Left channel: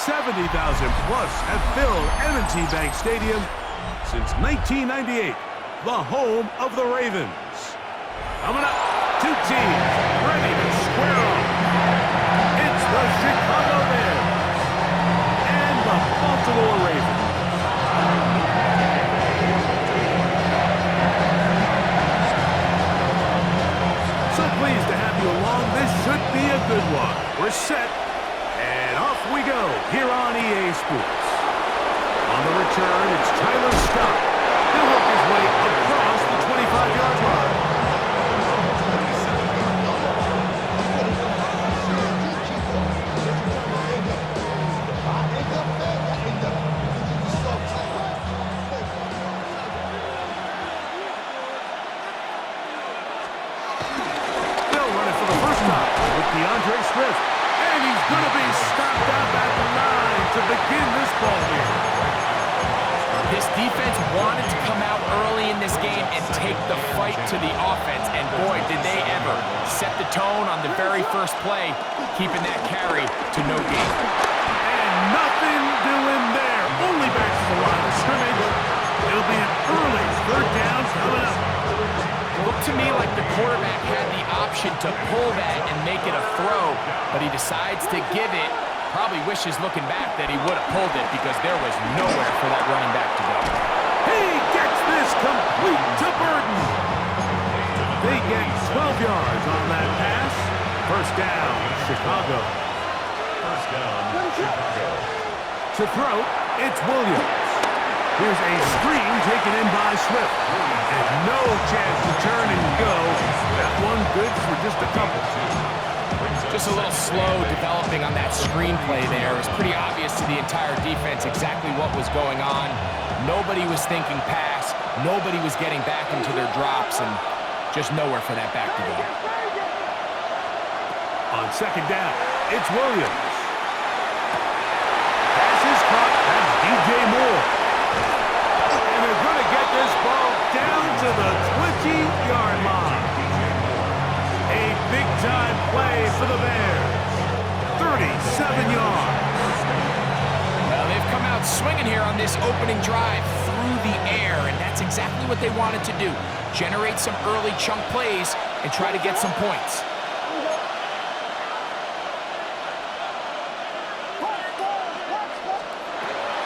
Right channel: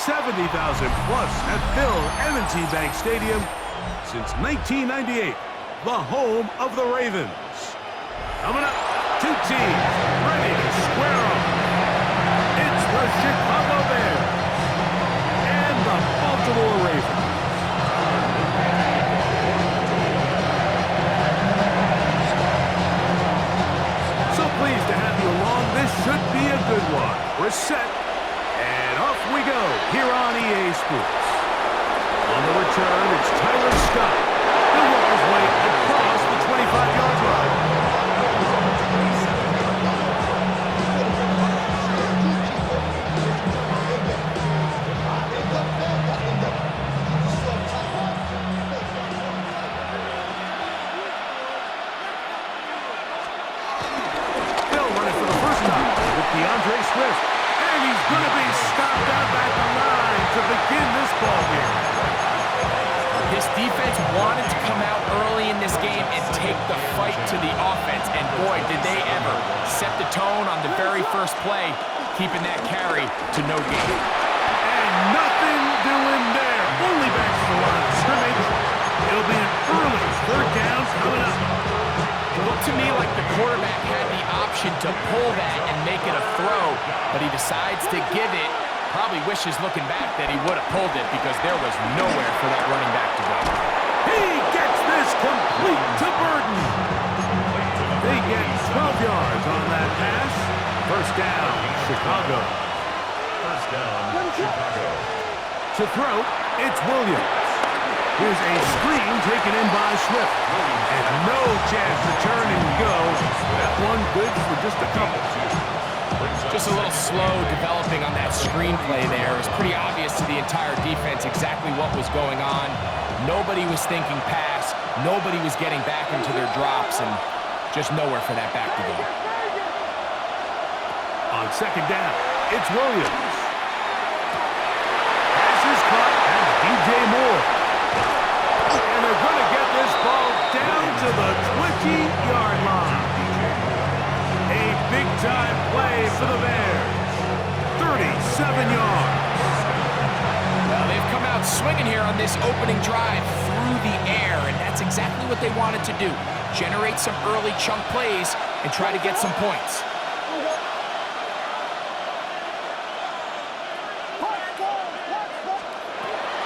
70,000 plus have filled M&T Bank Stadium since 1998, the home of the Ravens. Coming up, two teams ready to square off. It's the Chicago Bears and the Baltimore Ravens. So pleased to have you along. This should be a good one. We're set, and off we go here on EA Sports. On the return, it's Tyler Scott. He'll work his way across the 25-yard line. DeAndre Swift, and he's going to be stopped out at the line to begin this ball game. This defense wanted to come out early in this game and take the fight to the offense, and boy, did they ever set the tone on the very first play, keeping that carry to no gain. And nothing doing there, only back to the line of scrimmage. It'll be an early third down coming up. Looked to me like the quarterback had the option to pull that and make it a throw, but he decides to give it. Probably wishes looking back that he would have pulled it because there was nowhere for that running back to go. He gets this complete to Burton. They get 12 yards on that pass. First down, Chicago. First down, Chicago. To throw, it's Williams. Here's a screen taken in by Swift. And no chance to turn and go. That one good for just a couple. Just a little slow developing on that screenplay there. It was pretty obvious to the entire defense exactly what was going on. Nobody was thinking pass. Nobody was getting back into their drops, and just nowhere for that back to go. On second down, it's Williams. Pass is caught. That's DJ Moore. And they're going to get this ball down to the 20-yard line. A big-time play for the Bears. 37 yards. Well, they've come out swinging here on this opening drive through the air, and that's exactly what they wanted to do. Generate some early chunk plays and try to get some points.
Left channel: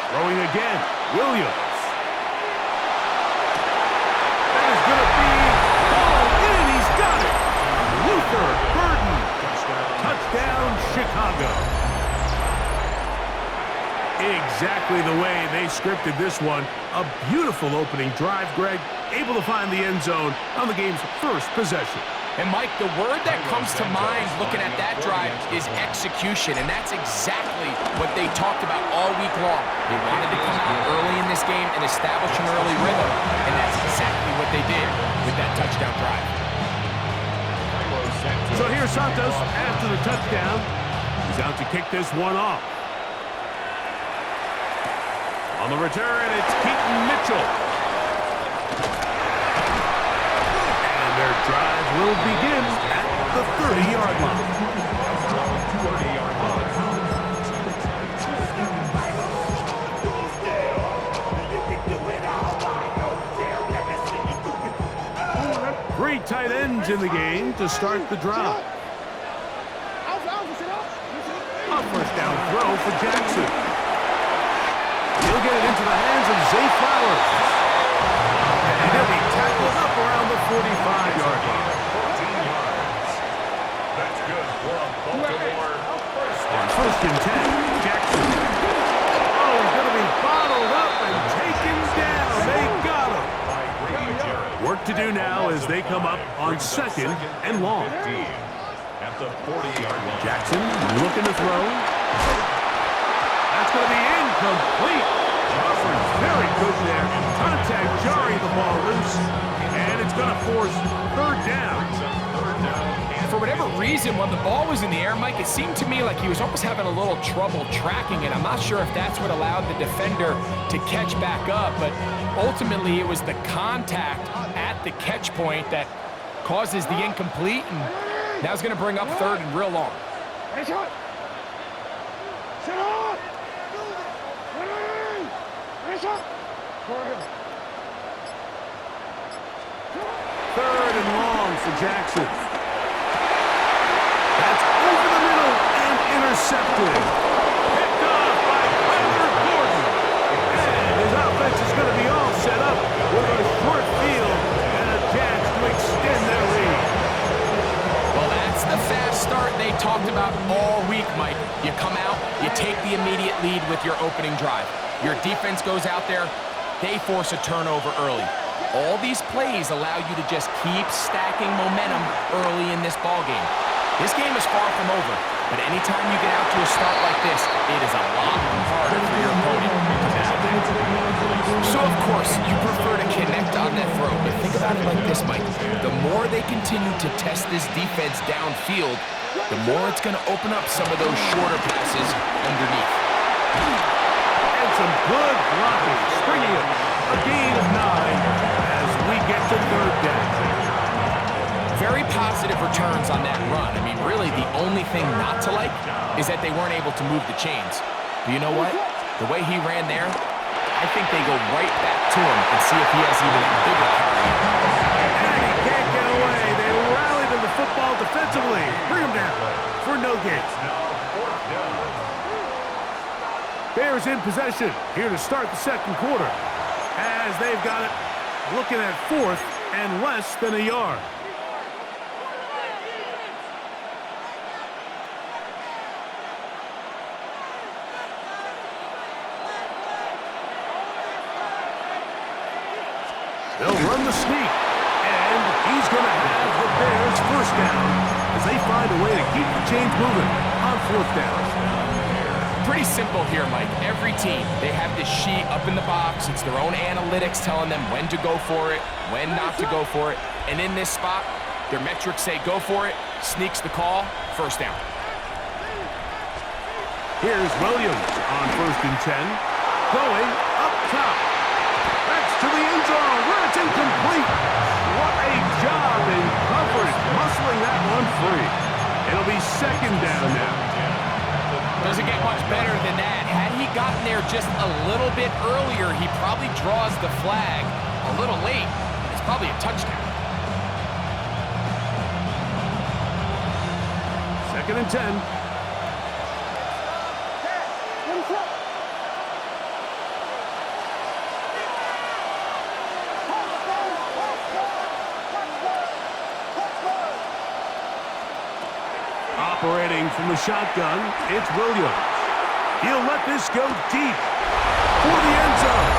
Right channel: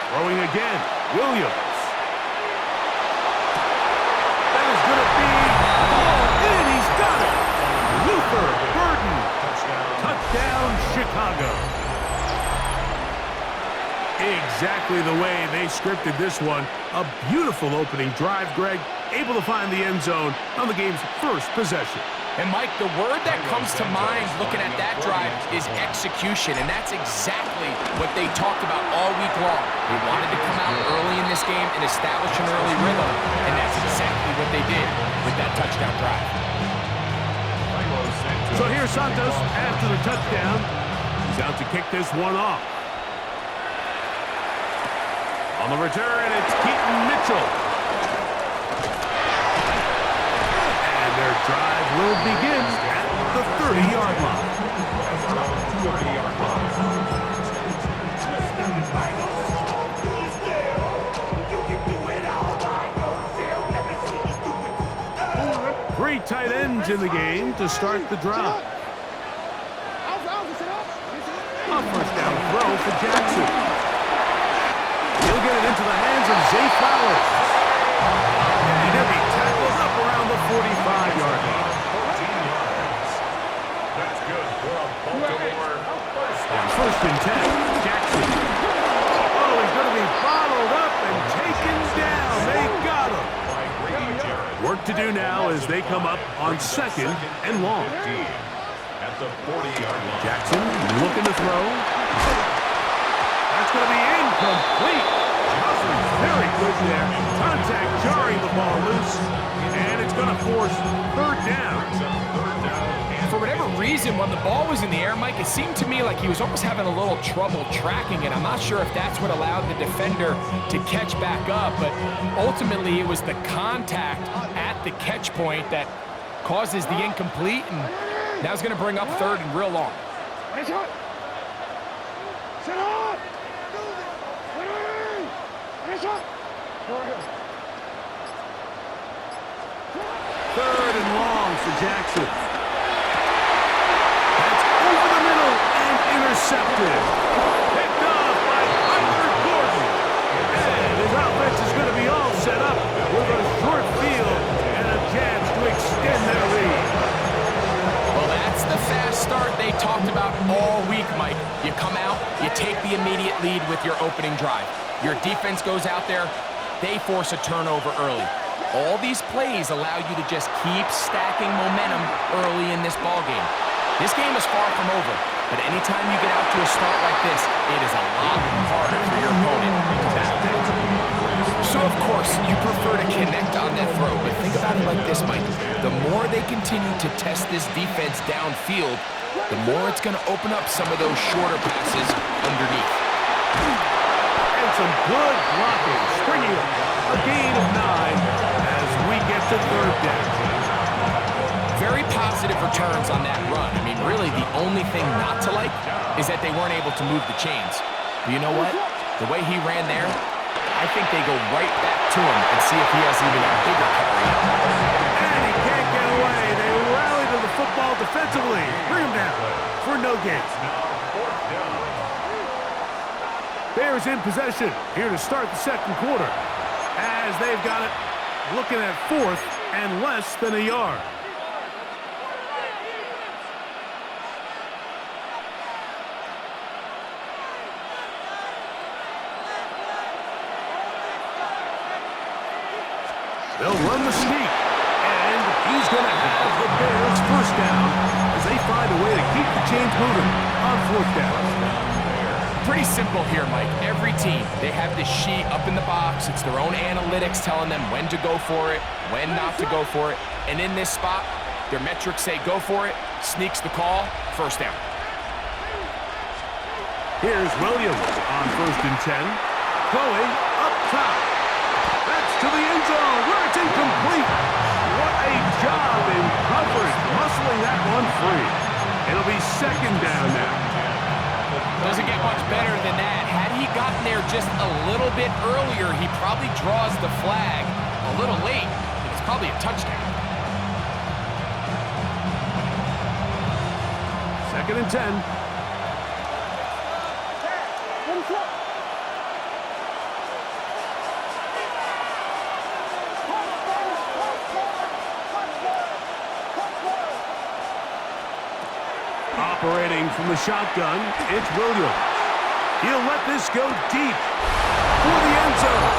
Throwing again, Williams. That is going to be ball in. He's got it. Luther Burden. Touchdown, Chicago. Exactly the way they scripted this one. A beautiful opening drive, Greg. Able to find the end zone on the game's first possession. And, Mike, the word that comes to mind looking at that drive is execution, and that's exactly what they talked about all week long. They wanted to come out early in this game and establish an early rhythm, and that's exactly what they did with that touchdown drive. So here's Santos after the touchdown. He's out to kick this one off. On the return, it's Keaton Mitchell. Their drive will begin at the 30-yard line. 30-yard line. Three tight ends in the game to start the drive. A first down throw for Jackson. He'll get it into the hands of Zay Flowers. And he'll be tackled up around the 45-yard line. 14 yards. That's good for a Baltimore first down. On first and 10, Jackson. Oh, he's going to be bottled up and taken down. They got him. Work to do now as they come up on second and long. At the 40-yard line. Jackson looking to throw. That's going to be incomplete. Joffrey's very good there. Contact jarring the ball loose. And it's going to force third down. For whatever reason, when the ball was in the air, Mike, it seemed to me like he was almost having a little trouble tracking it. I'm not sure if that's what allowed the defender to catch back up, but ultimately it was the contact at the catch point that causes the incomplete, and now it's going to bring up third and real long. Third and long for Jackson. That's over the middle and intercepted. Picked off by Tyler Gordon. And his offense is going to be all set up with a short field and a chance to extend their lead. Well, that's the fast start they talked about all week, Mike. You come out, you take the immediate lead with your opening drive. Your defense goes out there, they force a turnover early. All these plays allow you to just keep stacking momentum early in this ball game. This game is far from over, but anytime you get out to a start like this, it is a lot harder for your opponent to battle back. So, of course, you prefer to connect on that throw, but think about it like this, Mike. The more they continue to test this defense downfield, the more it's going to open up some of those shorter passes underneath. And some good blocking, springing up a gain of 9 as we get to third down. Very positive returns on that run. I mean, really, the only thing not to like is that they weren't able to move the chains. But you know what? The way he ran there, I think they go right back to him and see if he has even a bigger carry. And he can't get away. They rally to the football defensively. Bring him down for no gain. Bears in possession here to start the second quarter as they've got it looking at fourth and less than a yard. They'll run the sneak, and he's going to have the Bears first down as they find a way to keep the chains moving on fourth down. Pretty simple here, Mike. Every team, they have this sheet up in the box. It's their own analytics telling them when to go for it, when not to go for it. And in this spot, their metrics say go for it, sneaks the call, first down. Here's Williams on 1st and 10, going up top. That's to the end zone where it's incomplete. What a job in coverage, muscling that one free. It'll be second down now. Doesn't get much better than that. Had he gotten there just a little bit earlier, he probably draws the flag a little late, and it's probably a touchdown. 2nd and 10. Operating from the shotgun, it's Williams. He'll let this go deep for the end zone.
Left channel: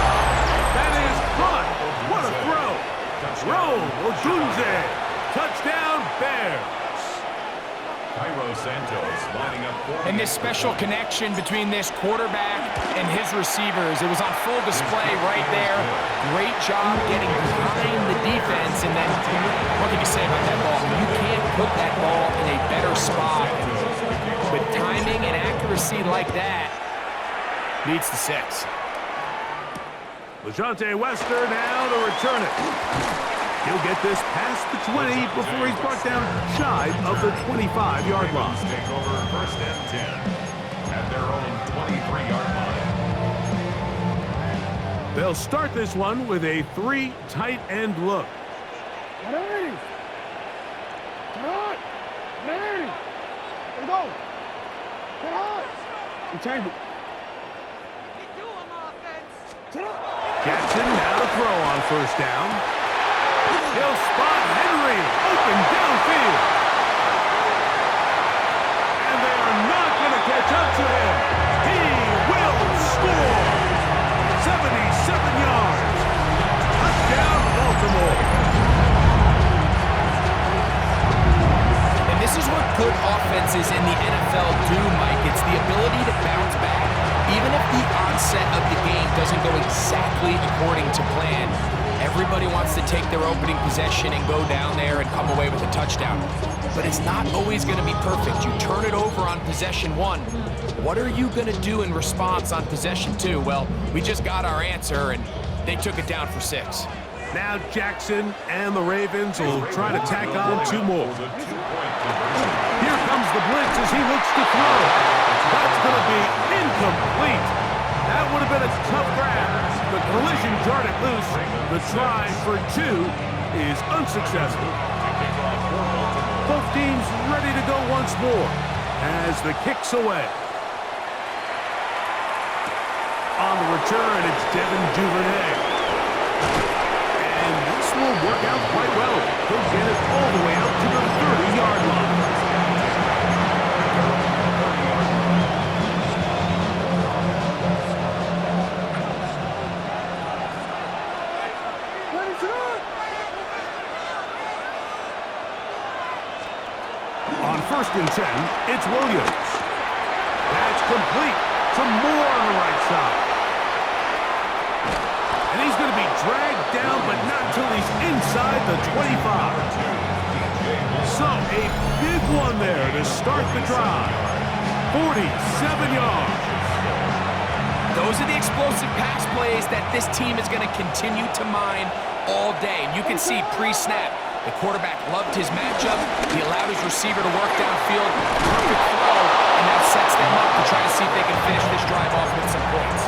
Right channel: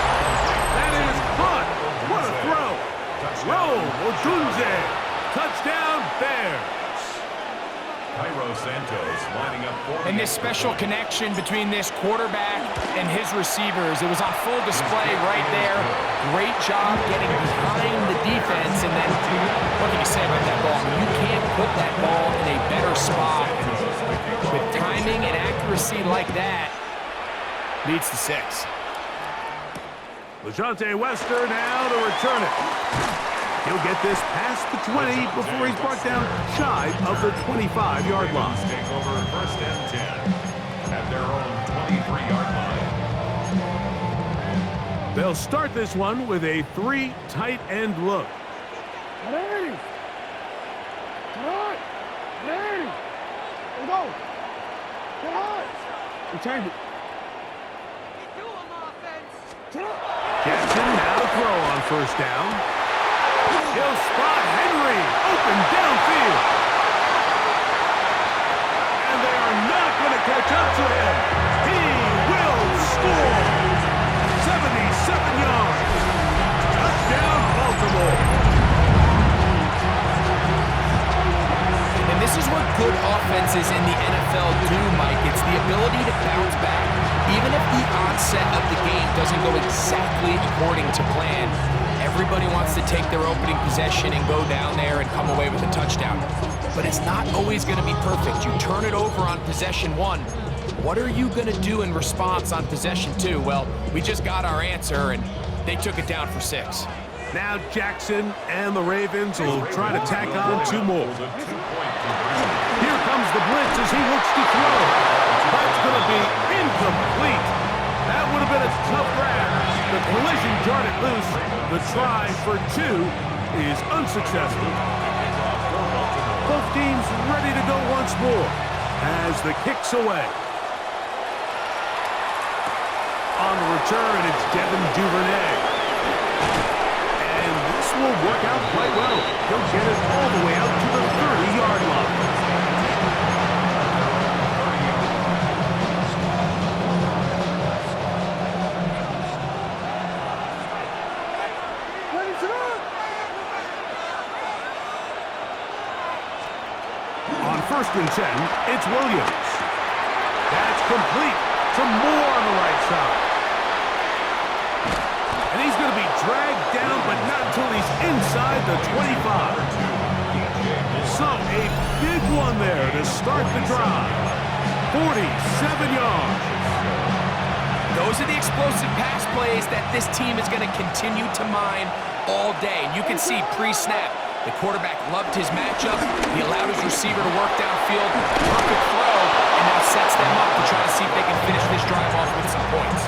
That is caught. What a throw. Roll, Odunze. Touchdown, Bears. Cairo Santos lining up for And this special connection between this quarterback and his receivers, it was on full display right there. Great job getting behind the defense, and then what can you say about that ball? You can't put that ball in a better spot. With timing and accuracy like that, leads to 6. LeJonte Wester now to return it. He'll get this past the 20 before he's brought down shy of the 25-yard line. Take over 1st and 10 at their own 23-yard line. They'll start this one with a 3 tight end look. Ready. Ready. Let's go. Get high. And change it. Jackson now to throw on 1st down. He'll spot Henry open downfield. And they are not going to catch up to him. He will score. 77 yards. Touchdown, Baltimore. And this is what good offenses in the NFL do, Mike. It's the ability to bounce back. Even if the onset of the game doesn't go exactly according to plan, everybody wants to take their opening possession and go down there and come away with a touchdown. But it's not always going to be perfect. You turn it over on possession 1. What are you going to do in response on possession 2? Well, we just got our answer, and they took it down for 6. Now Jackson and the Ravens will try to tack on 2 more. Here comes the blitz as he looks to throw. That's going to be incomplete. That would have been a tough grab. The collision jarred it loose. The try for 2 is unsuccessful. Both teams ready to go once more as the kick's away. On the return, it's Devin Duvernay. And this will work out quite well. He'll get it all the way out to the 30-yard line. On 1st and 10, it's Williams. That's complete to Moore on the right side. And he's going to be dragged down, but not until he's inside the 25. So a big one there to start the drive. 47 yards. Those are the explosive pass plays that this team is going to continue to mine all day. And you can see pre-snap, the quarterback loved his matchup. He allowed his receiver to work downfield. Perfect throw, and now sets them up to try to see if they can finish this drive off with some points.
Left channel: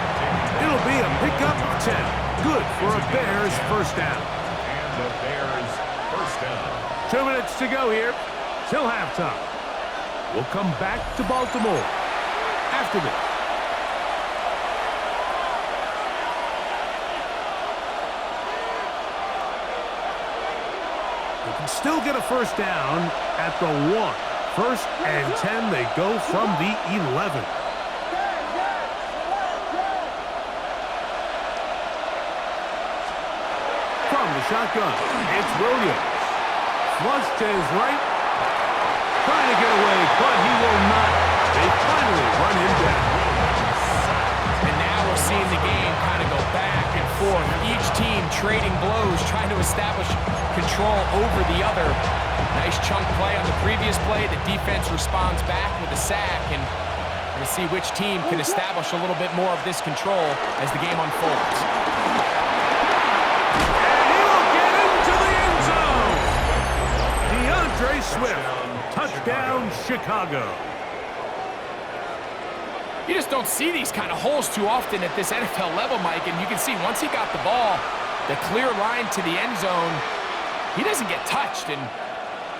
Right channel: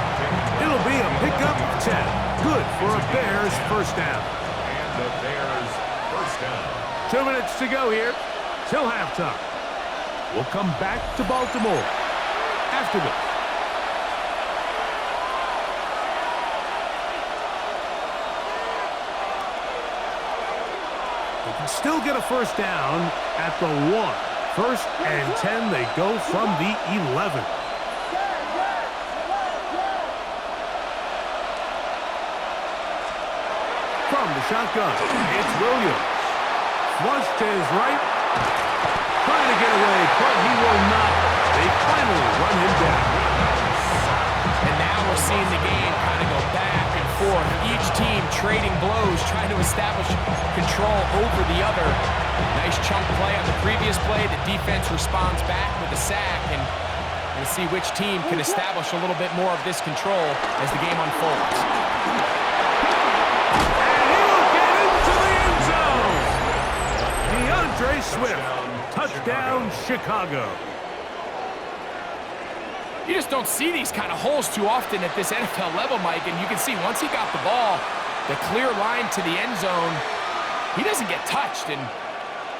It'll be a pickup of 10. Good for a Bears first down. And the Bears first down. 2 minutes to go here till halftime. We'll come back to Baltimore after this. They can still get a first down at the 1. 1st and 10, they go from the 11. From the shotgun, it's Williams. Flush to his right. Trying to get away, but he will not. They finally run him down. And now we're seeing the game kind of go back and forth. Each team trading blows, trying to establish control over the other. Nice chunk play on the previous play. The defense responds back with a sack, and we're going to see which team can establish a little bit more of this control as the game unfolds. And he will get into the end zone. DeAndre Swift, touchdown Chicago. You just don't see these kind of holes too often at this NFL level, Mike, and you can see once he got the ball, the clear line to the end zone, he doesn't get touched, and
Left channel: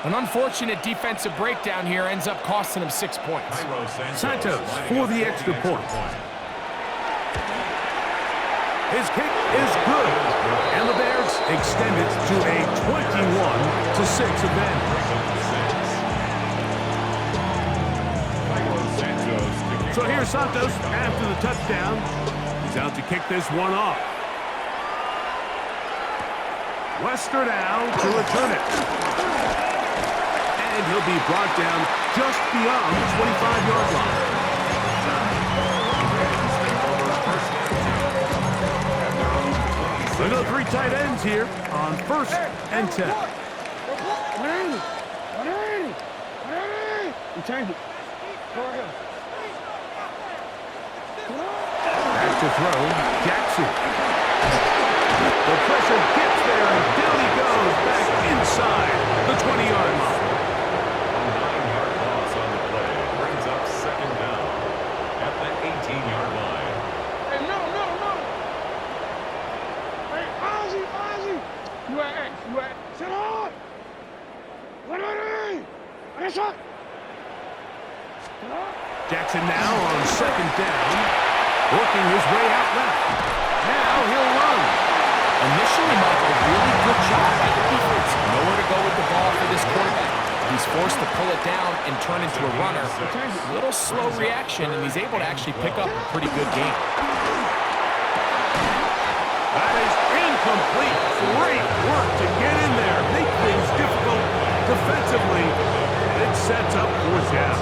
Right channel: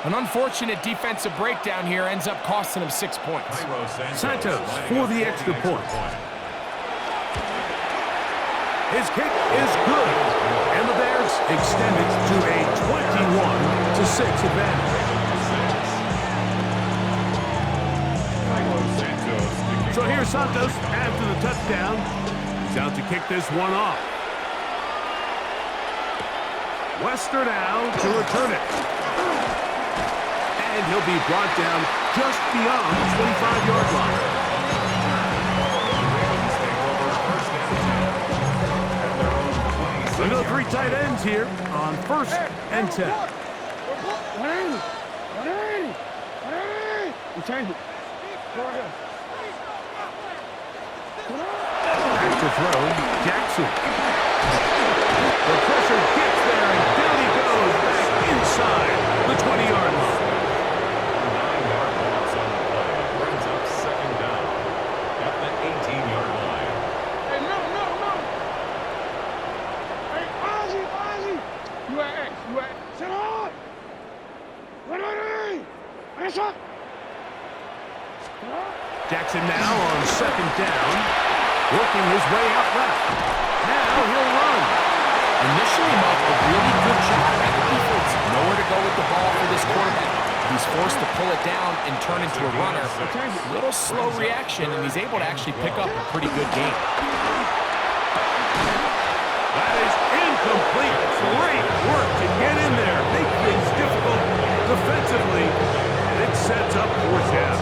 an unfortunate defensive breakdown here ends up costing him 6 points. Santos for the extra point. His kick is good, and the Bears extend it to a 21-6 advantage. So here's Santos after the touchdown. He's out to kick this one off. Wester now to return it. And he'll be brought down just beyond the 25-yard line. We go 3 tight ends here on 1st and 10. 180. You change it. Go right here. Back to throw, Jackson. The pressure gets there, and down he goes back inside the 20-yard line. A 9-yard loss on the play brings up 2nd down at the 18-yard line. Hey, middle. Hey, Ozzy. You at X. Sit on. 180. Nice shot. Jackson now on 2nd down, working his way out left. Now he'll run. Initially, Mike, a really good job by the defense. Nowhere to go with the ball for this quarterback. He's forced to pull it down and turn into a runner. Little slow reaction, and he's able to actually pick up a pretty good game. That is incomplete. Great work to get in there, make things difficult defensively, and it sets up 4th down.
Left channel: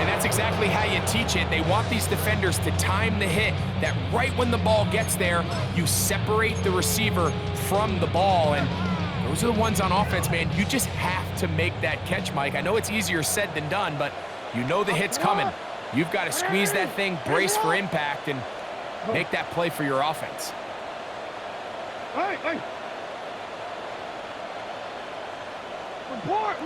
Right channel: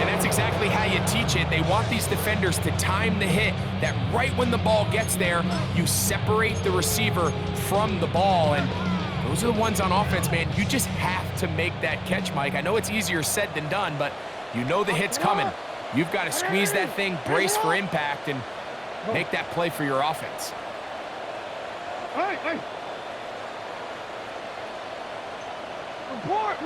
And that's exactly how you teach it. They want these defenders to time the hit, that right when the ball gets there, you separate the receiver from the ball. And those are the ones on offense, man. You just have to make that catch, Mike. I know it's easier said than done, but you know the hit's coming. You've got to squeeze that thing, brace for impact, and make that play for your offense. Hey. Report.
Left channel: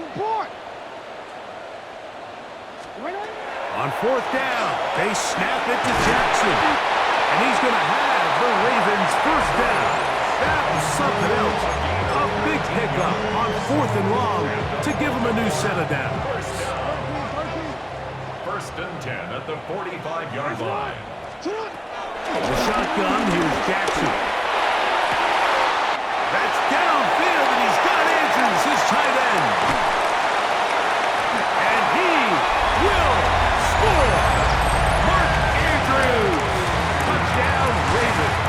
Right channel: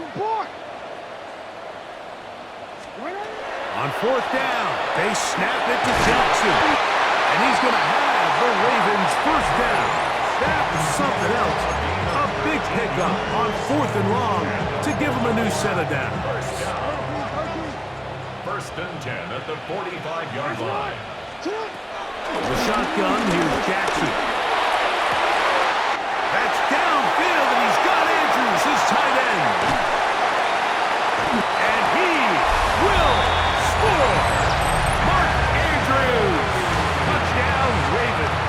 On fourth down, they snap it to Jackson. And he's going to have the Ravens first down. That was something else. A big pickup on fourth and long to give him a new set of downs. First and 10 at the 45-yard line. The shotgun, here's Jackson. That's downfield, and he's got Andrews, his tight end. And he will score. Mark Andrews. Touchdown, Ravens.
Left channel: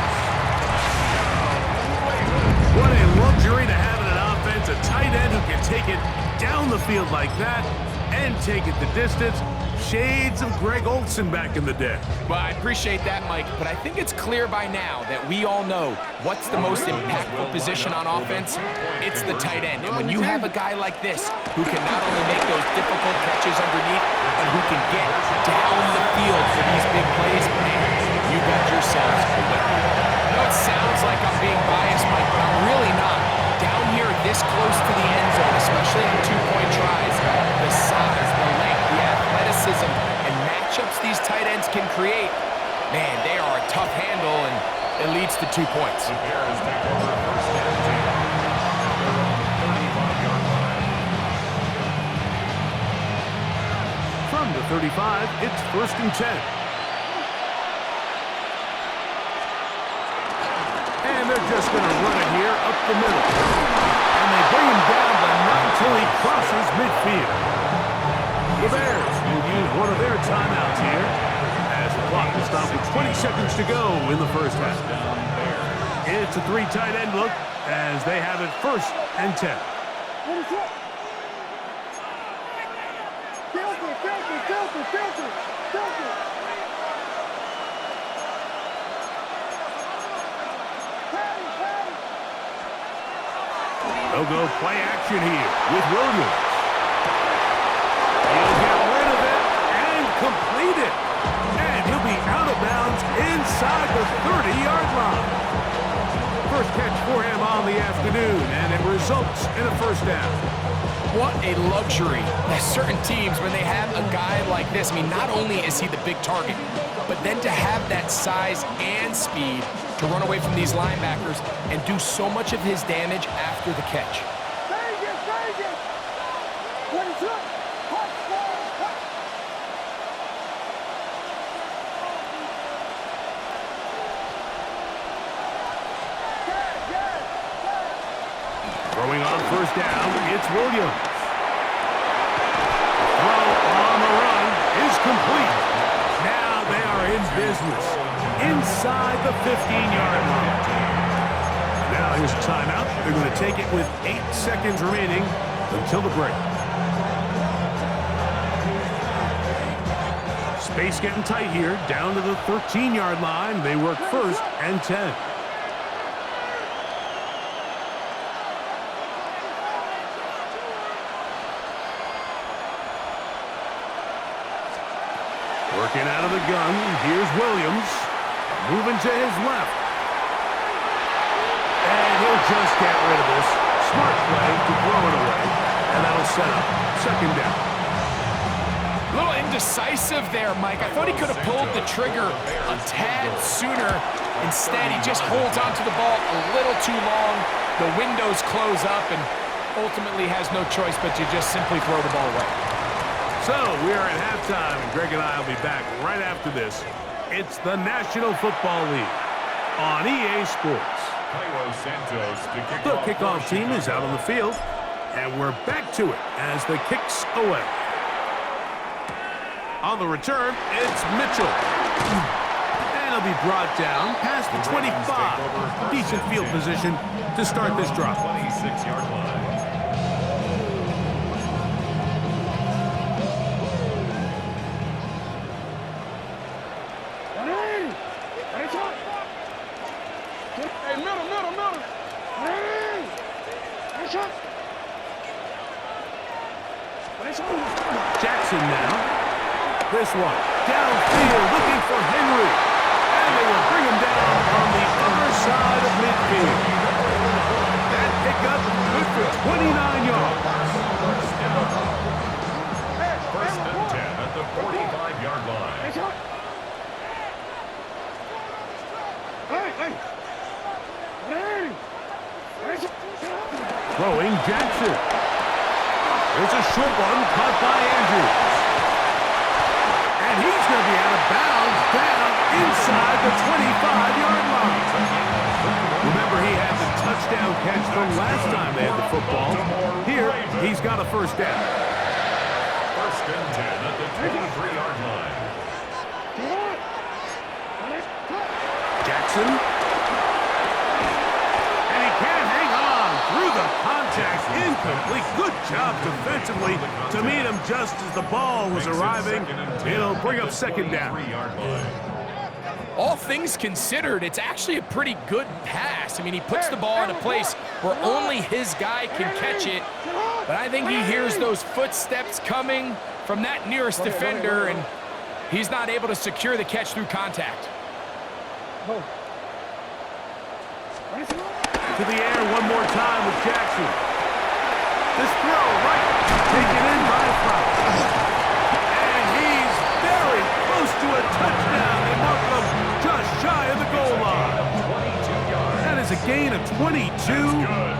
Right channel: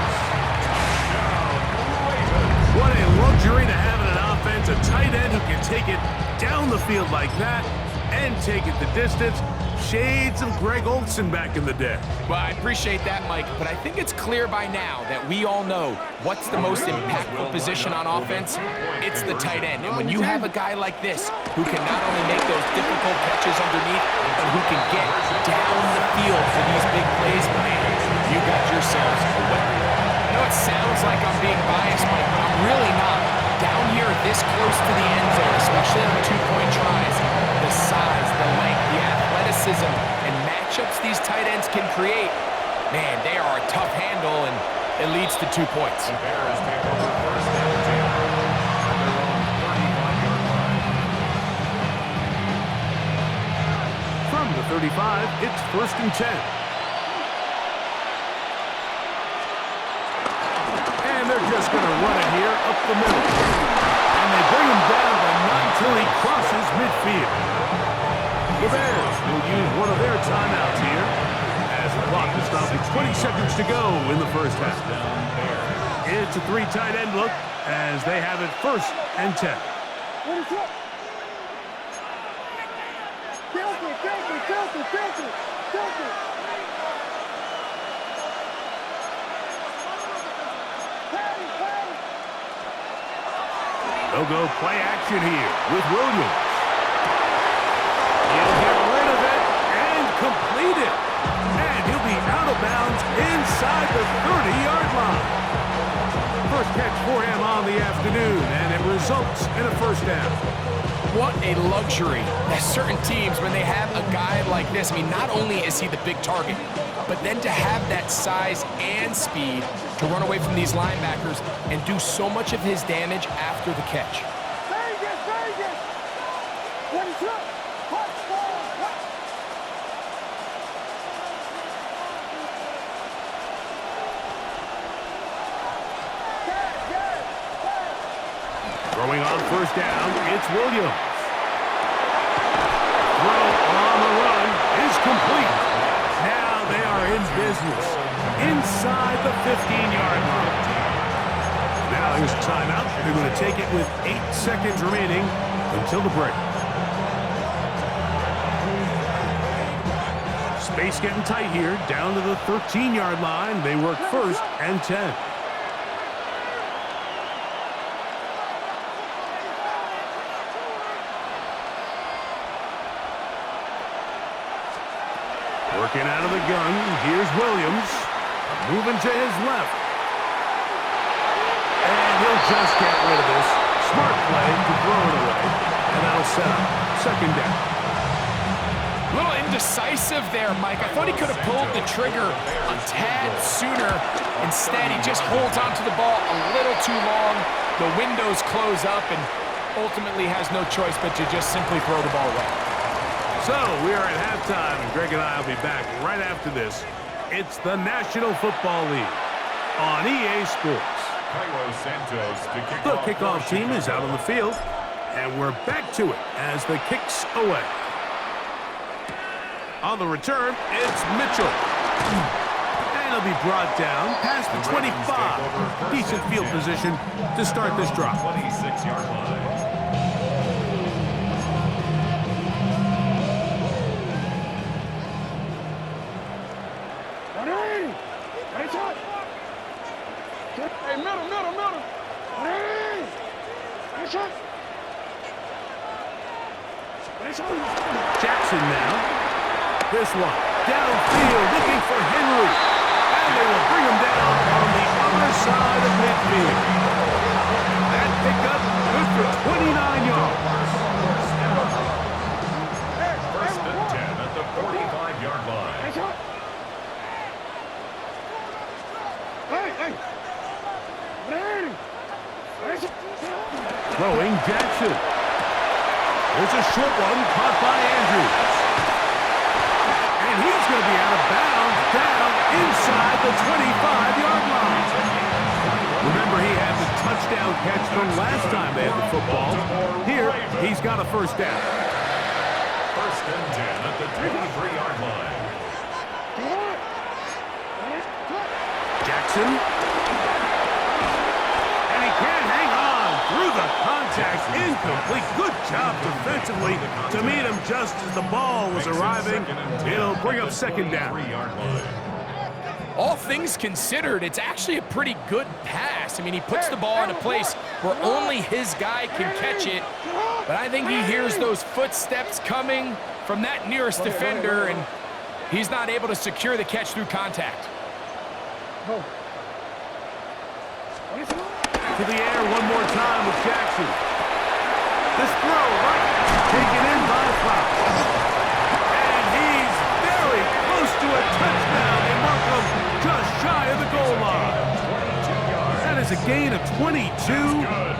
What a luxury to have in an offense, a tight end who can take it down the field like that and take it the distance. Shades of Greg Olsen back in the day. Well, I appreciate that, Mike, but I think it's clear by now that we all know what's the most impactful position on offense. It's the tight end. And when you have a guy like this who can not only make those difficult catches underneath, but who can get down the field for these big plays, man, you got yourselves a weapon. I know it sounds like I'm being biased, Mike, but I'm really not. Down here this close to the end zone, especially on two-point tries, the size, the length, the athleticism, and matchups these tight ends can create, man, they are a tough handle, and it leads to 2 points. The Bears take over first and 10 at their own 35-yard line. From the 35, it's first and 10. And they're just going to run it here up the middle. And they bring him down, but not until he crosses midfield. The Bears will use one of their timeouts here as the clock is stopped with 20 seconds to go in the first half. It's a three tight end look as they have it first and 10. They'll go play action here with Williams. He'll get rid of it and complete it. And he'll be out of bounds inside the 30-yard line. First catch for him on the afternoon, and it results in a first down. What a luxury. There's certain teams, when they have a guy like this, I mean, not only is he the big target, but then to have that size and speed to run away from these linebackers and do so much of his damage after the catch. Vegas! What is up? Throwing on first down, it's Williams. Throw on the run is complete. Now they are in business inside the 15-yard line. Now here's a timeout. They're going to take it with 8 seconds remaining until the break. Space getting tight here, down to the 13-yard line. They work first and 10. Working out of the gun, here's Williams. Moving to his left. And he'll just get rid of this. Smart play to throw it away. And that'll set up second down. A little indecisive there, Mike. I thought he could have pulled the trigger a tad sooner. Instead, he just holds onto the ball a little too long. The windows close up and ultimately has no choice but to just simply throw the ball away. So we are at halftime, and Greg and I will be back right after this. It's the National Football League on EA Sports. The kickoff team is out on the field, and we're back to it as the kick's away. On the return, it's Mitchell. And he'll be brought down past the 25. Decent field position to start this drive. 26-yard line. Hey, middle. Hey! Jackson now. This one downfield looking for Henry. And they will bring him down on the other side of midfield. That pickup good for 29 yards. First and 10 at the the 45-yard line. Hey! Throwing Jackson. There's a short one caught by Andrews. And he's going to be out of bounds down inside the 25-yard line. Remember, he had the touchdown catch from last time they had the football. Here, he's got a first down. First and 10 at the 23-yard line. Jackson. And he can't hang on through the contact. Incomplete. Good job defensively to meet him just as the ball was arriving. It'll bring up second down. All things considered, it's actually a pretty good pass. I mean, he puts the ball in a place where only his guy can catch it. But I think he hears those footsteps coming from that nearest defender, and he's not able to secure the catch through contact. To the air one more time with Jackson. This throw right taken in by Flowers. And he's very close to a touchdown. They mark him just shy of the goal line. That is a gain of 22,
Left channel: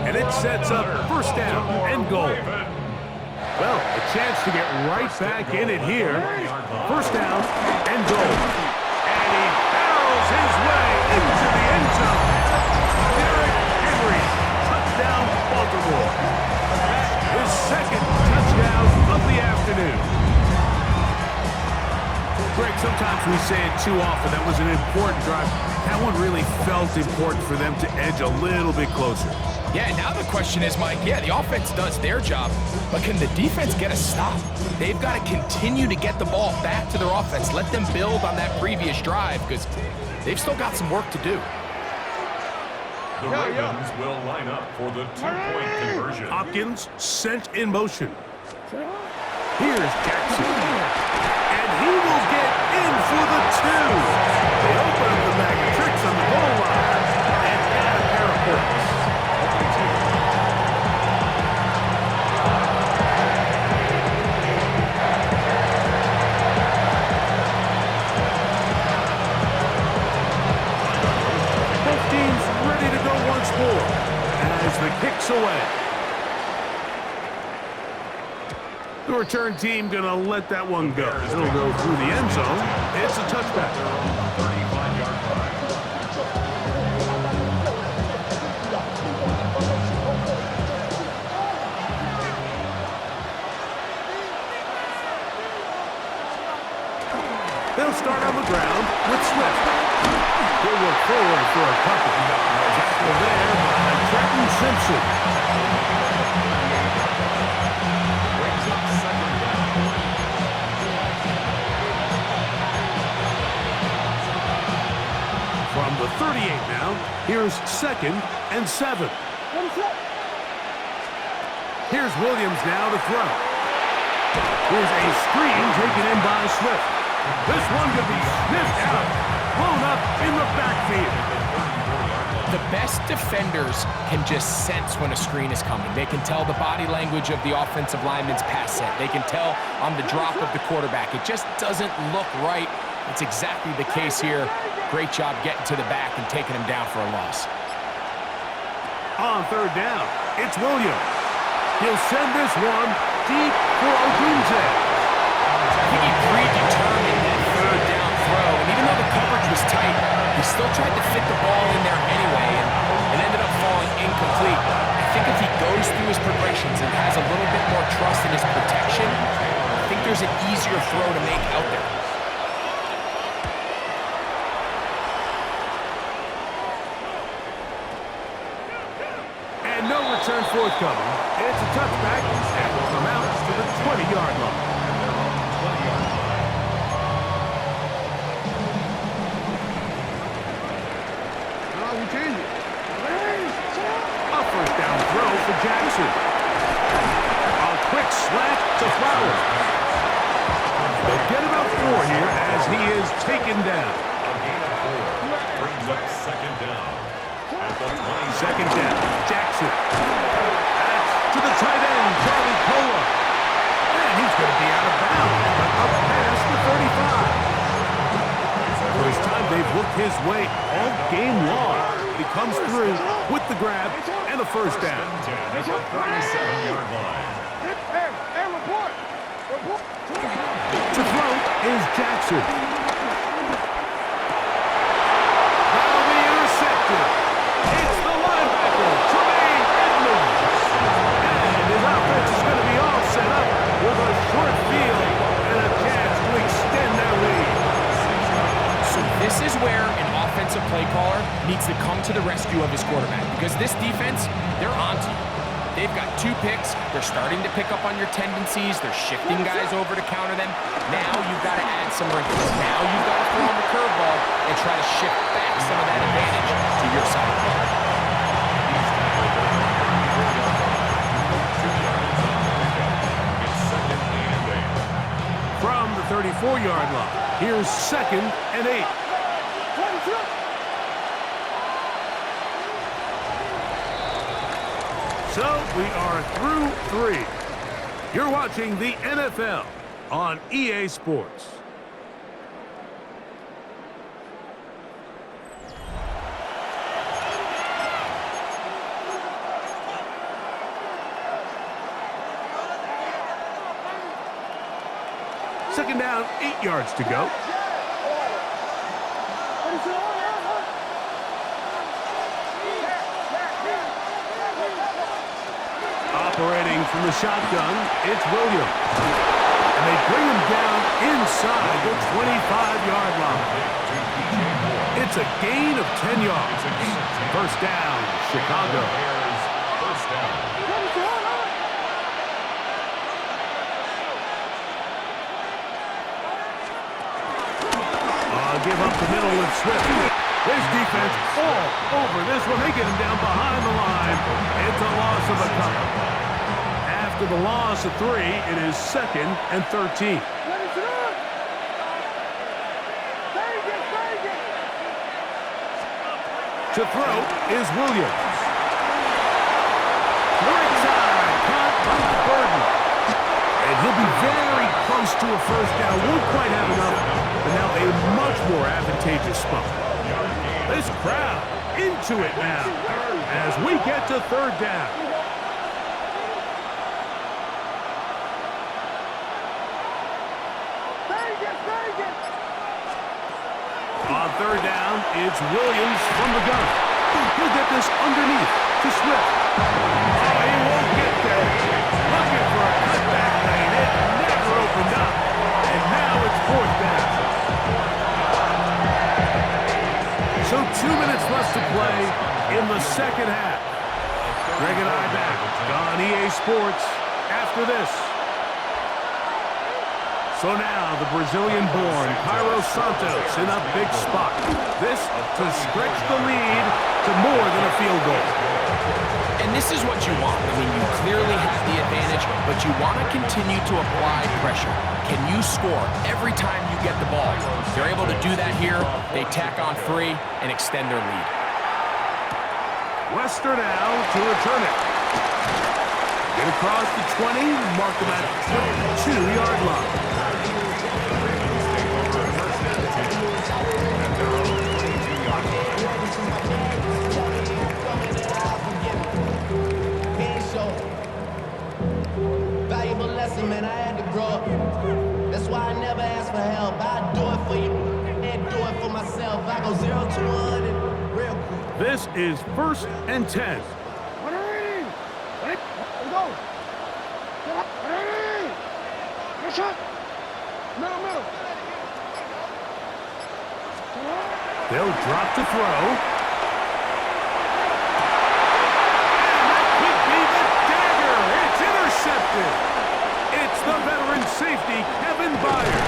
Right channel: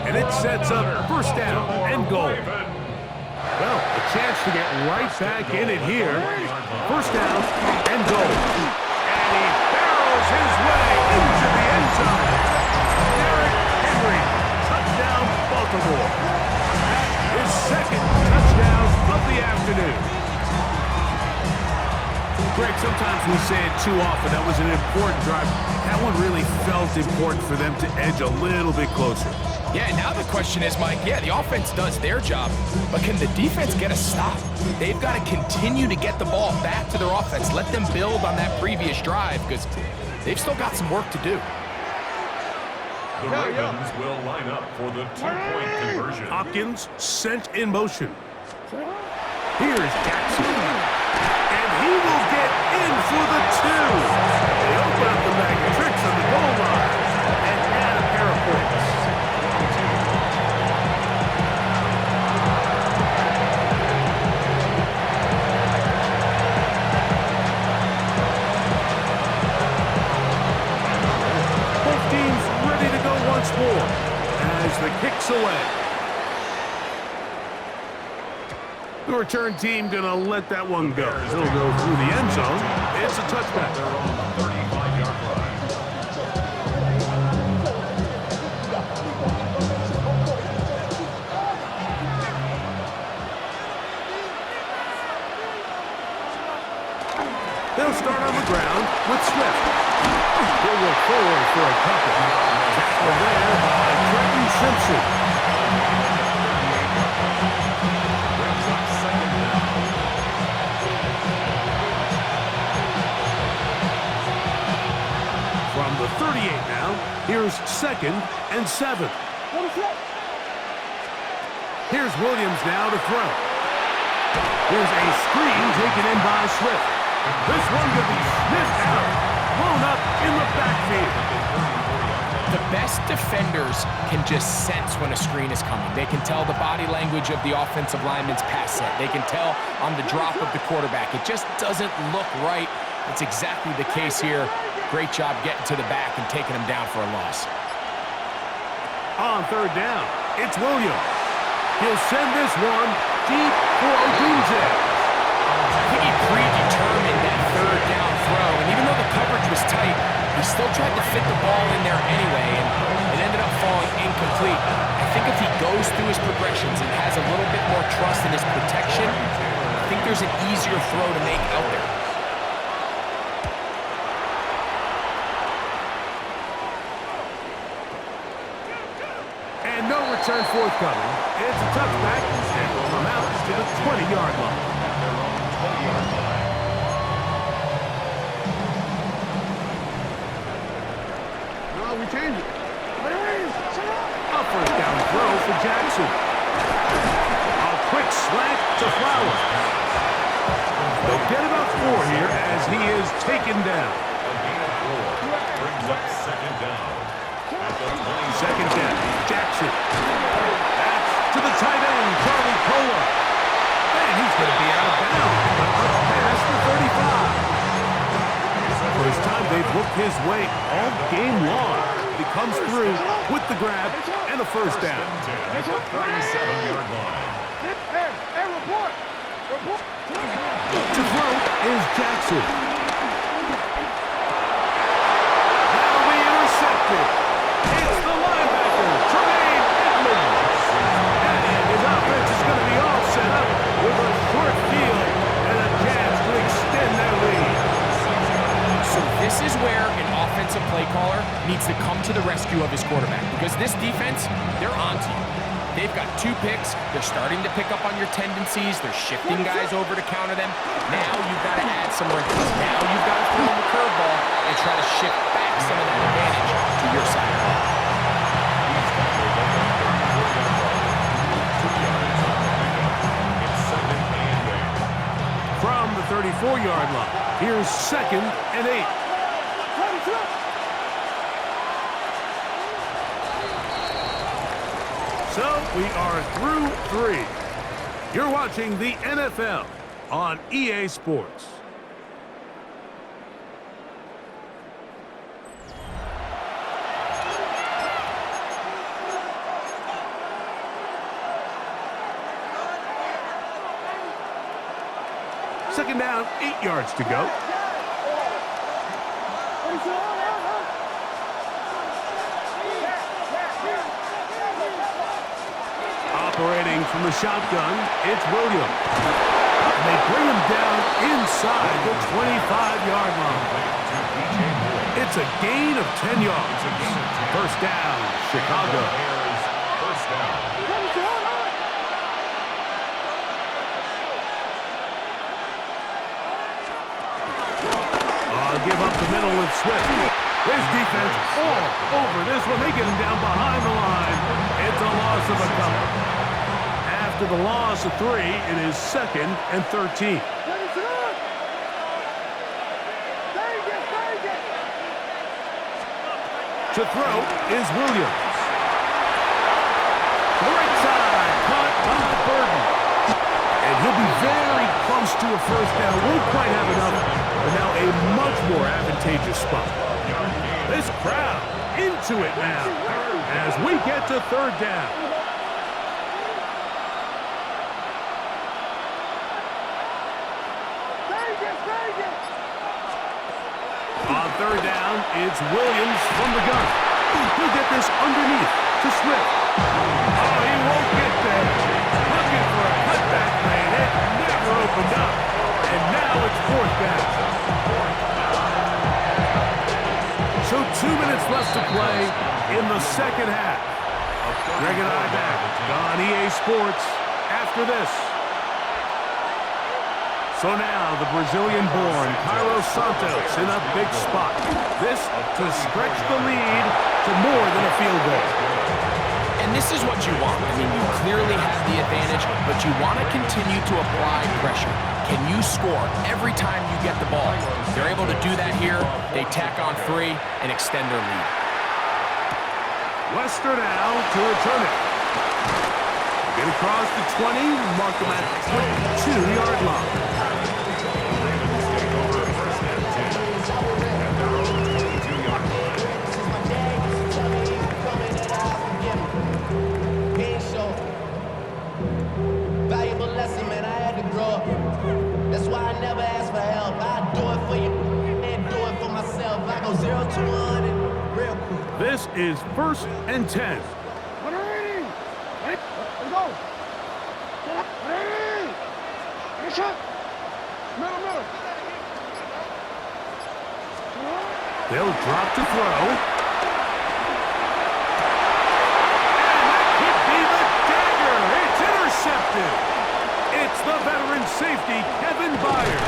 and it sets up first down and goal. Well, a chance to get right back in it here. First down and goal. And he barrels his way into the end zone. Derrick Henry, touchdown Baltimore. That is second touchdown of the afternoon. Greg, sometimes we say it too often. That was an important drive. That one really felt important for them to edge a little bit closer. Yeah, now the question is, Mike, yeah, the offense does their job, but can the defense get a stop? They've got to continue to get the ball back to their offense. Let them build on that previous drive because they've still got some work to do. The Ravens will line up for the two-point conversion. Hopkins sent in motion. Here's Jackson. And he will get in for the two. They open up the bag of tricks on the goal line and add a pair of points. Both teams ready to go once more as the kick's away. The return team gonna let that one go. It'll go through the end zone. It's a touchback. Their own 35-yard line. They'll start on the ground with Swift. He'll look forward for a couple. Tackle there by Trenton Simpson. Brings up second down. From the 38 now, here's second and 7. Here's Williams now to throw. Here's a screen taken in by Swift. This one could be sniffed out, blown up in the backfield. The best defenders can just sense when a screen is coming. They can tell the body language of the offensive lineman's pass set. They can tell on the drop of the quarterback. It just doesn't look right. It's exactly the case here. Great job getting to the back and taking him down for a loss. On third down, it's Williams. He'll send this one deep for Odunze. I think he predetermined that third down throw, and even though the coverage was tight, he still tried to fit the ball in there anyway, and it ended up falling incomplete. I think if he goes through his progressions and has a little bit more trust in his protection, I think there's an easier throw to make out there. And no return forthcoming. It's a touchback, and will come out to the 20-yard line. At their own 20-yard line. No, we change it. A first down throw for Jackson. A quick slant to Flowers. They'll get about 4 here as he is taken down. A gain of 4 brings up second down. At the 20. Second down, Jackson. That's to the tight end, Charlie Kolar. And he's going to be out of bounds, but up past the 35. First time they've looked his way all game long. But he comes through with the grab and a first down. At the 37-yard line. Hey, report. To throw is Jackson. That'll be intercepted. It's the linebacker, Tremaine Edmonds. And his offense is going to be all set up with a short field and a chance to extend their lead. So this is where an offensive play caller needs to come to the rescue of his quarterback, because this defense, they're onto you. They've got 2 picks. They're starting to pick up on your tendencies. They're shifting guys over to counter them. Now you've got to add some wrinkles. Now you've got to throw them a curveball and try to shift back some of that advantage to your side of the ball. He's tackled at the 34-yard line. 2 yards on the pickup. It's 2nd and 8. From the 34-yard line, here's 2nd and 8. So we are through 3. You're watching the NFL on EA Sports. Second down, 8 yards to go. Operating from the shotgun, it's Williams. And they bring him down inside the 25-yard line. It's a gain of 10 yards. First down, Chicago. First down. Give up the middle with Swift. His defense all over this one. They get him down behind the line. It's a loss of a couple. After the loss of 3, it is 2nd and 13. To throw is Williams. To the right side, caught by Burton. And he'll be very close to a first down. Won't quite have enough, but now a much more advantageous spot. This crowd into it now as we get to 3rd down. On 3rd down, it's Williams from the gun. He'll get this underneath to Swift. Oh, he won't get there. Looking for a cutback lane. It never opened up. And now it's 4th down. So 2 minutes left to play in the 2nd half. Greg and I back on EA Sports after this. So now the Brazilian-born Cairo Santos in a big spot. This to stretch the lead to more than a field goal. And this is what you want. I mean, you clearly have the advantage, but you want to continue to apply pressure. Can you score every time you get the ball? They're able to do that here. They tack on 3 and extend their lead. Wester now to return it. Get across the 20, mark them at the 22-yard line. The Ravens take over 1st and 10 at their own 22-yard line. Valuable lesson, man. I had to grow up. That's why I never ask for help. I do it for you and do it for myself. I go 0 to 100 real quick. This is 1st and 10. Let's go. Get up. Ready. Get a shot. Middle. They'll drop to throw. And that could be the dagger. It's intercepted. It's the veteran safety, Kevin Byard.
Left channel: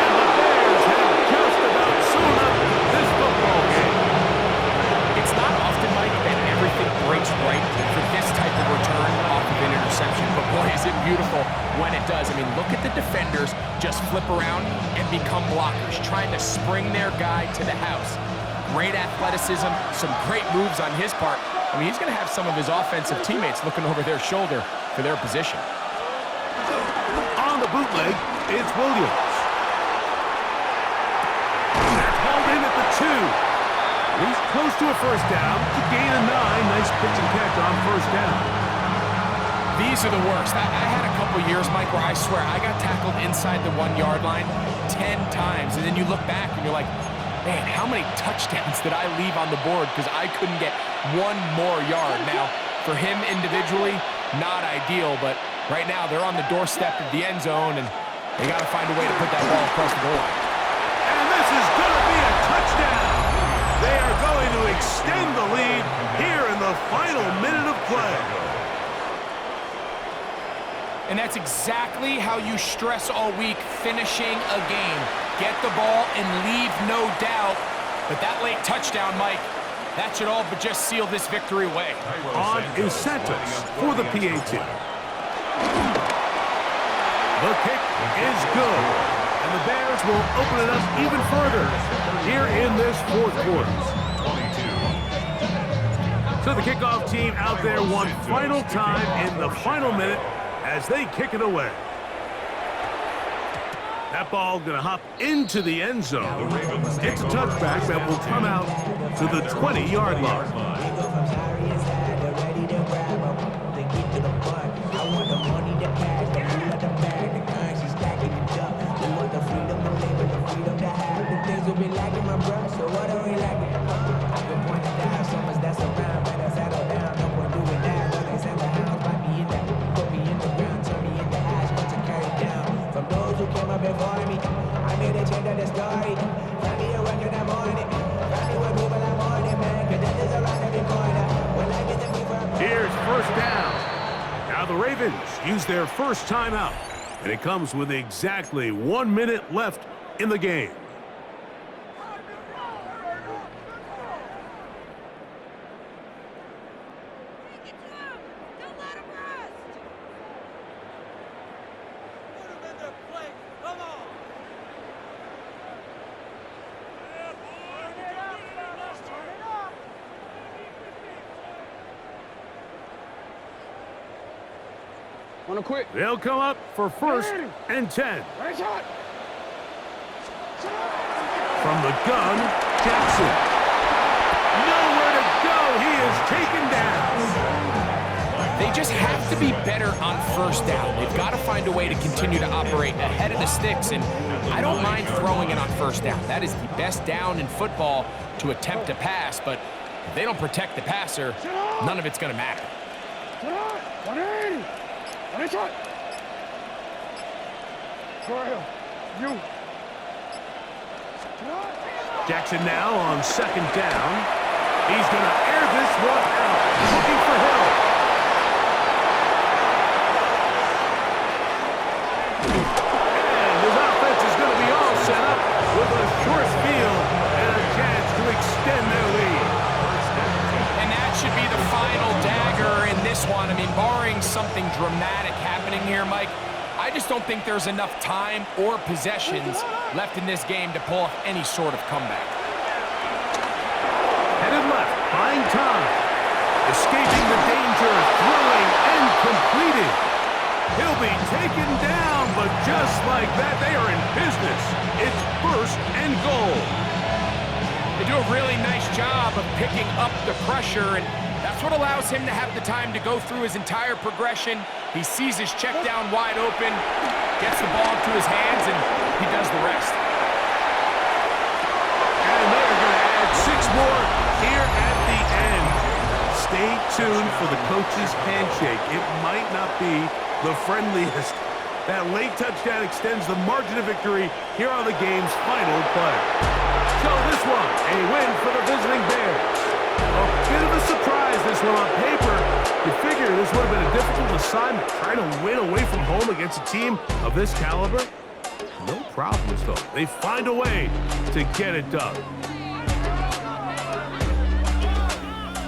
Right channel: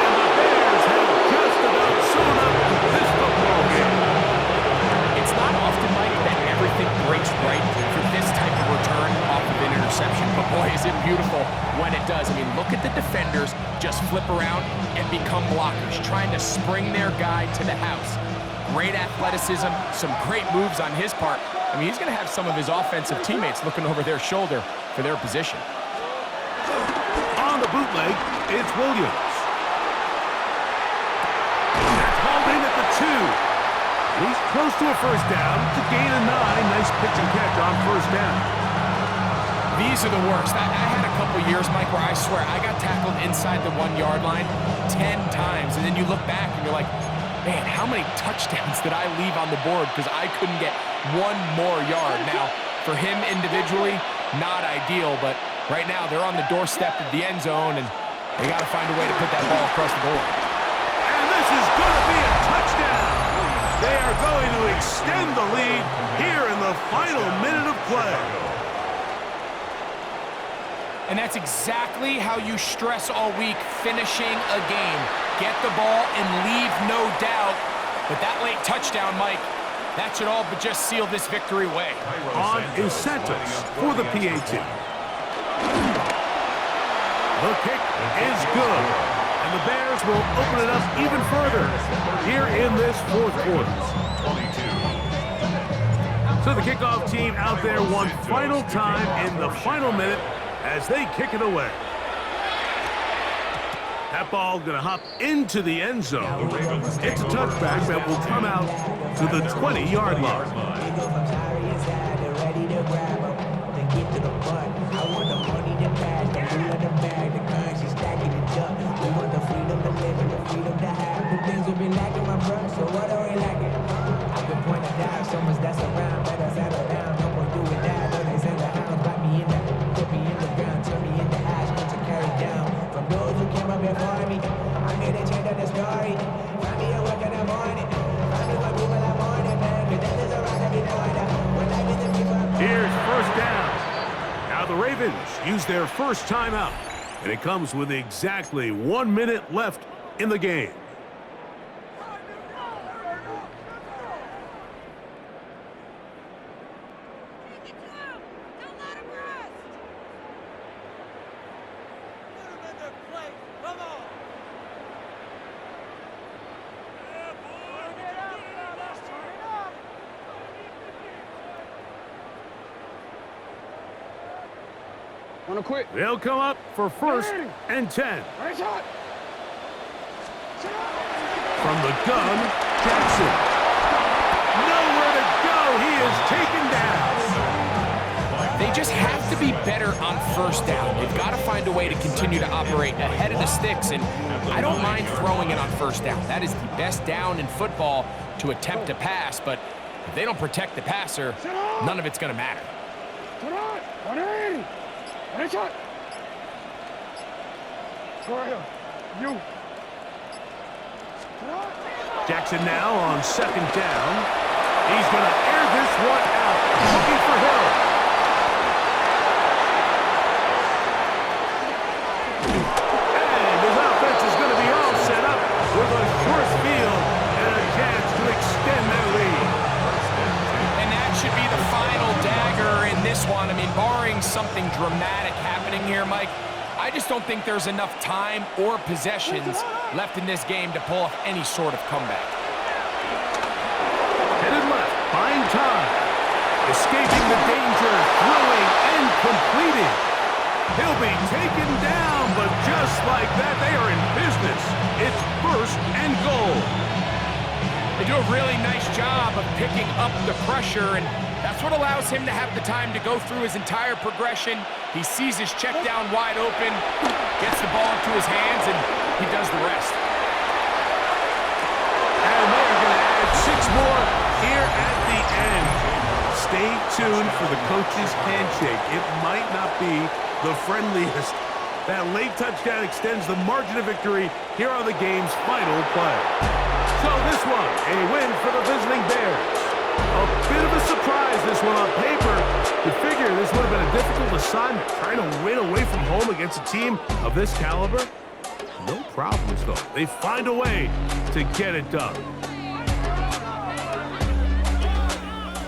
And the Bears have just about sewn up this football game. It's not often, Mike, that everything breaks right for this type of return off of an interception. But boy, is it beautiful when it does. I mean, look at the defenders just flip around and become blockers, trying to spring their guy to the house. Great athleticism, some great moves on his part. I mean, he's going to have some of his offensive teammates looking over their shoulder for their position. bootleg, it's Williams. That's hauled in at the 2. And he's close to a first down to gain a 9. Nice pitch and catch on first down. These are the worst. I had a couple years, Mike, where I swear I got tackled inside the 1-yard line 10 times. And then you look back and you're like, man, how many touchdowns did I leave on the board because I couldn't get one more yard? Now, for him individually, not ideal, but right now they're on the doorstep of the end zone, and they got to find a way to put that ball across the goal line. And this is going to be a touchdown. They are going to extend the lead here in the final minute of play. And that's exactly how you stress all week, finishing a game. Get the ball and leave no doubt. But that late touchdown, Mike, that should all but just seal this victory away. On is Santos for the PAT. The kick is good. And the Bears will open it up even further here in this fourth quarter. So the kickoff team out there one final time in the final minute as they kick it away. That ball going to hop into the end zone. It's a touchback that will come out to the 20-yard line. Before me, I made a change of the story. Find me a work in the morning. Find me with people I'm on it, man. Cause that is around every corner. When life isn't me for a Here's first down. Now the Ravens use their first timeout. And it comes with exactly 1 minute left in the game. Wanna quit? They'll come up for first and 10. Right shot. From the gun, Jackson. Nowhere to go. He is taken down. They just have to be better on first down. They've got to find a way to continue to operate ahead of the sticks, and I don't mind throwing it on first down. That is the best down in football to attempt to pass, but if they don't protect the passer, none of it's going to matter. 180. Right shot. Go ahead. You. Jackson now on second down. He's going to air this one out. Looking for Hill. And his offense is going to be all set up with a short field and a chance to extend their lead. And that should be the final dagger in this one. I mean, barring something dramatic happening here, Mike, I just don't think there's enough time or possessions left in this game to pull off any sort of comeback. Headed left, buying time. Escaping the danger, throwing and completing. He'll be taken down, but just like that, they are in business. It's first and goal. They do a really nice job of picking up the pressure, and that's what allows him to have the time to go through his entire progression. He sees his check down wide open, gets the ball into his hands, and he does the rest. And they are going to add 6 more here at the end. Stay tuned for the coach's handshake. It might not be the friendliest. That late touchdown extends the margin of victory here on the game's final play. So this one, a win for the visiting Bears. A bit of a surprise, this one on paper. You figure this would have been a difficult assignment, trying to win away from home against a team of this caliber. No problems, though. They find a way to get it done.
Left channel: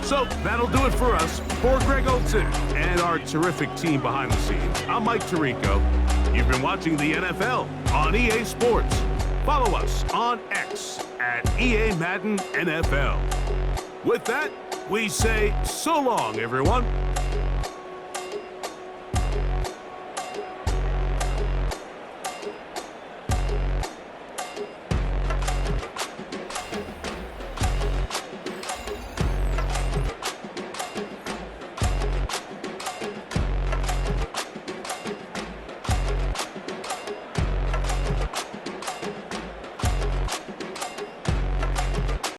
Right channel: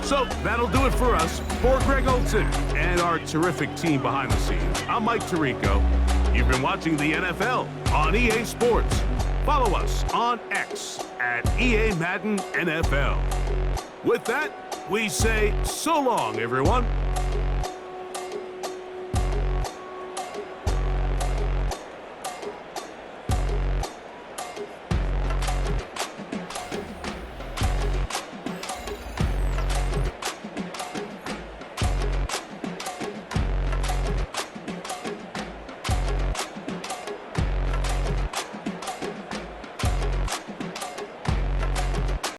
So that'll do it for us. For Greg Olson and our terrific team behind the scenes, I'm Mike Tirico. You've been watching the NFL on EA Sports. Follow us on X at EA Madden NFL. With that, we say so long, everyone.